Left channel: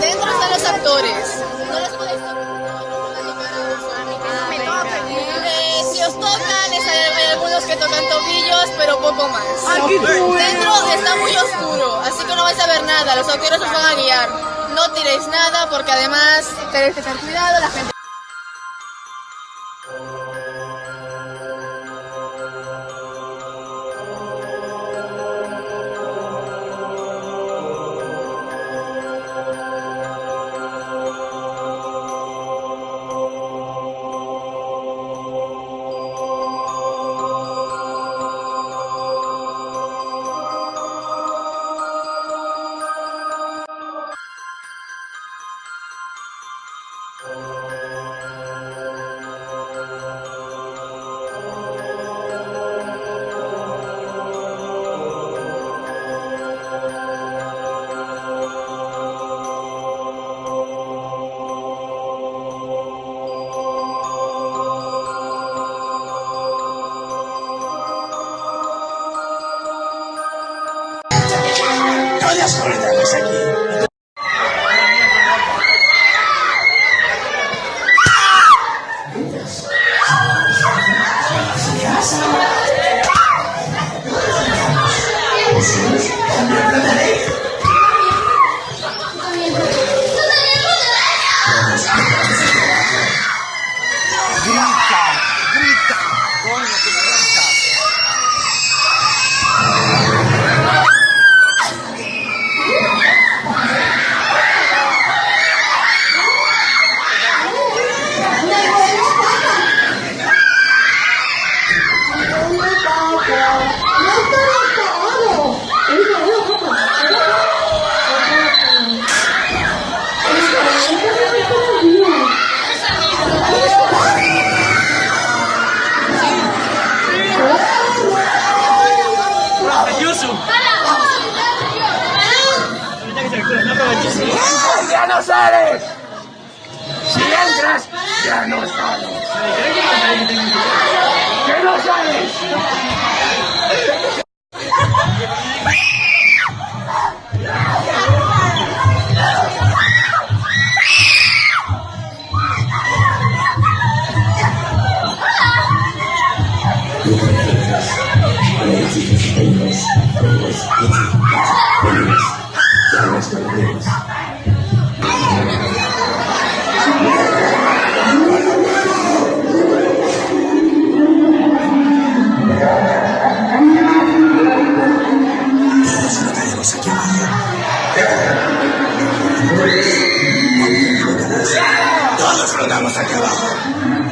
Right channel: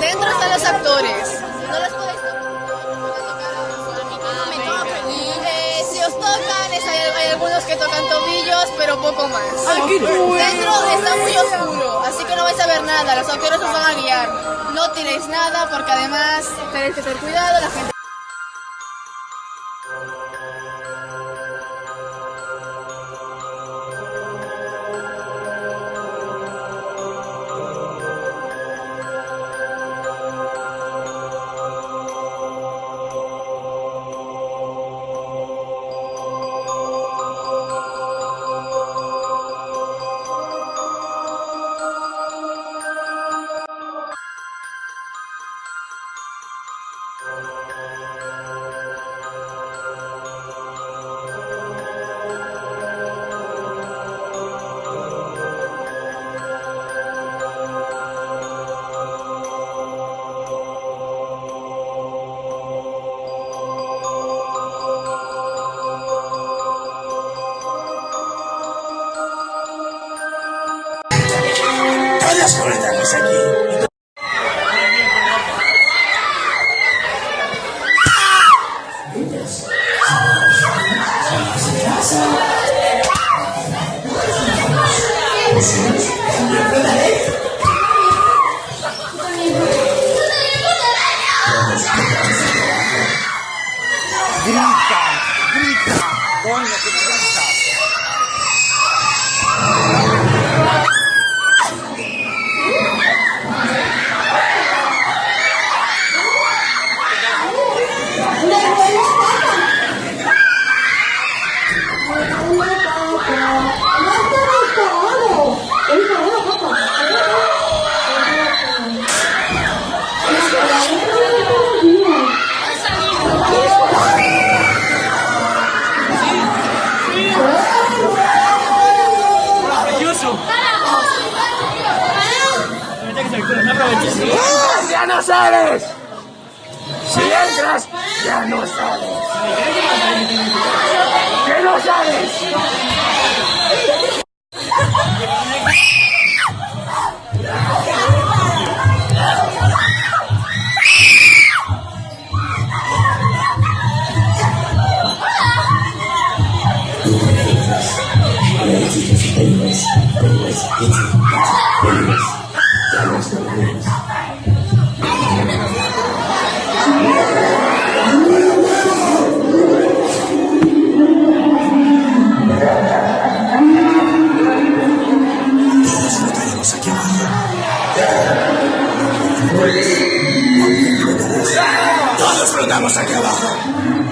Dentro están los actores. No los podéis tocar. Si os tocan, hay algunos que tocan tobillos, pero poco más. Dentro está muy oscuro, así que no vais a ver nada. Los actores os van a guiar. No tiréis nada porque además tenéis que tener cuidado. La gente... Todas cortamos aquí. Grita, grita, coño, que grita. ¡Ya no sales! Si entras, ya no sales. ¡Que no sales! Todos flotamos aquí abajo.